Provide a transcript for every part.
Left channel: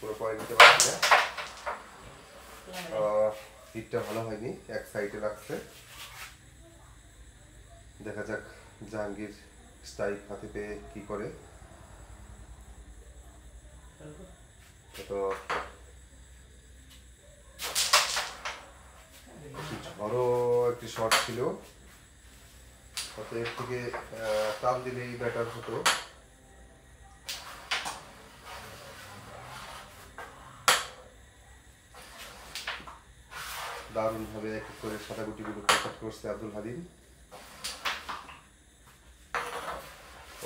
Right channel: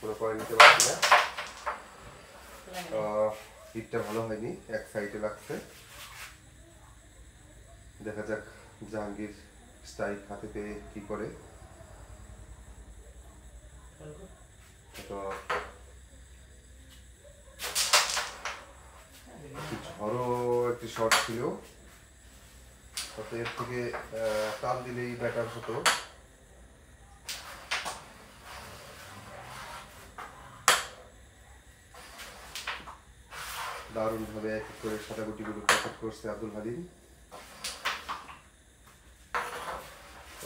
কোনো পরে নিতে পারছি না, হিটটা ভালো হয়নি, এক সাইডে রাখছে। দেখা যাক জাহাঙ্গীর স্ট্রাইক হাতে পেয়ে কি করে। ঝড়ো একটি শট ছিল, তাতে এর থেকে চাপ দিলেই ব্যাটার হতো। দারুণভাবে এক করে সাদা গুটিগুলো পকেট করছে আব্দুল হালিম।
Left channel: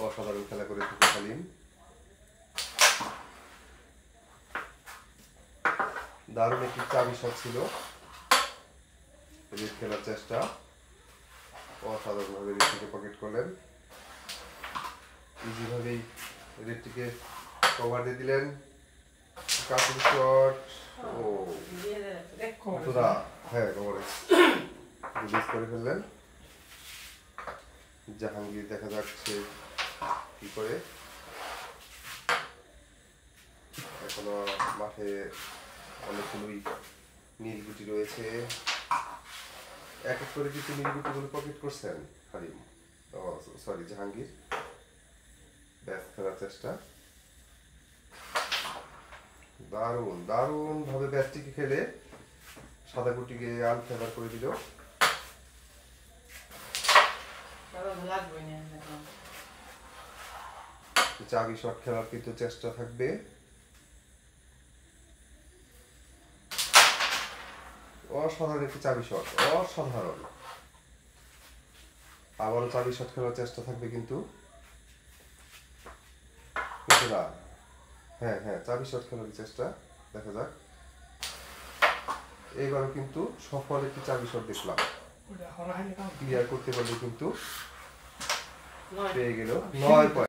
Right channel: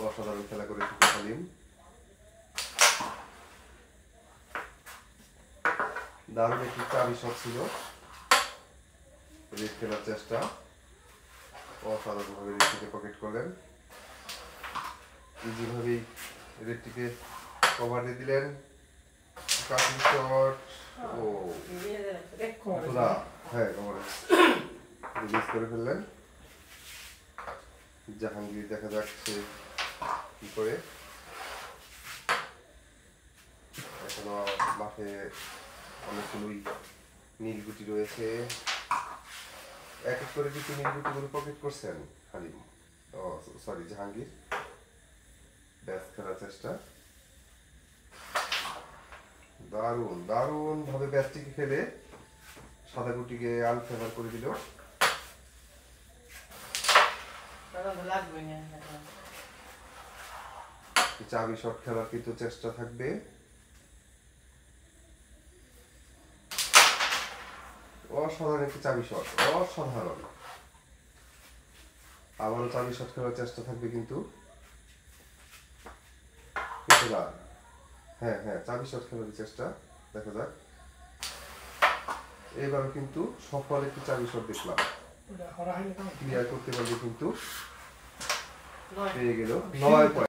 অসাধারণ খেলা করে থাকে হালিম। দারুণ একটি চাবি শট ছিল, রেড খেলার চেষ্টা, অসাধারণভাবে রেডটিকে পকেট করলেন। ইজিভাবেই রেডটিকে কভার দিয়ে দিলেন। কাটিং শট, ও হ্যাঁ রিলিজ করে ফেললেন জাহাঙ্গীর। দেখা যাচ্ছে কি করে, এখনো মাঠে অনেকগুলোই নীল গুটি রয়েছে। এক এক করে কিন্তু নীল গুটিগুলো পকেট করছেন হালিম, সরি জাহাঙ্গীর। ব্যাস খেলার চেষ্টা, দারুণ দারুণ ভাবে ব্যাটটিকে খেলে সাদা গুটিকে আনফেভার করে দিল। চাবি শট খেলার কিন্তু চেষ্টা থাকবে। অসাধারণ একটি চাবি শট, অসাধারণ। আবারও চাবি শট খেলার চেষ্টা থাকবে কিন্তু হ্যাঁ হ্যাঁ চাবি শট খেলার চেষ্টা। দেখা যাক, এবার কিন্তু সফল একটি চাবি শট দেখলাম। ক্লিয়ার করতে পারবে কিন্তু পেয়ে গেল 9 পয়েন্ট।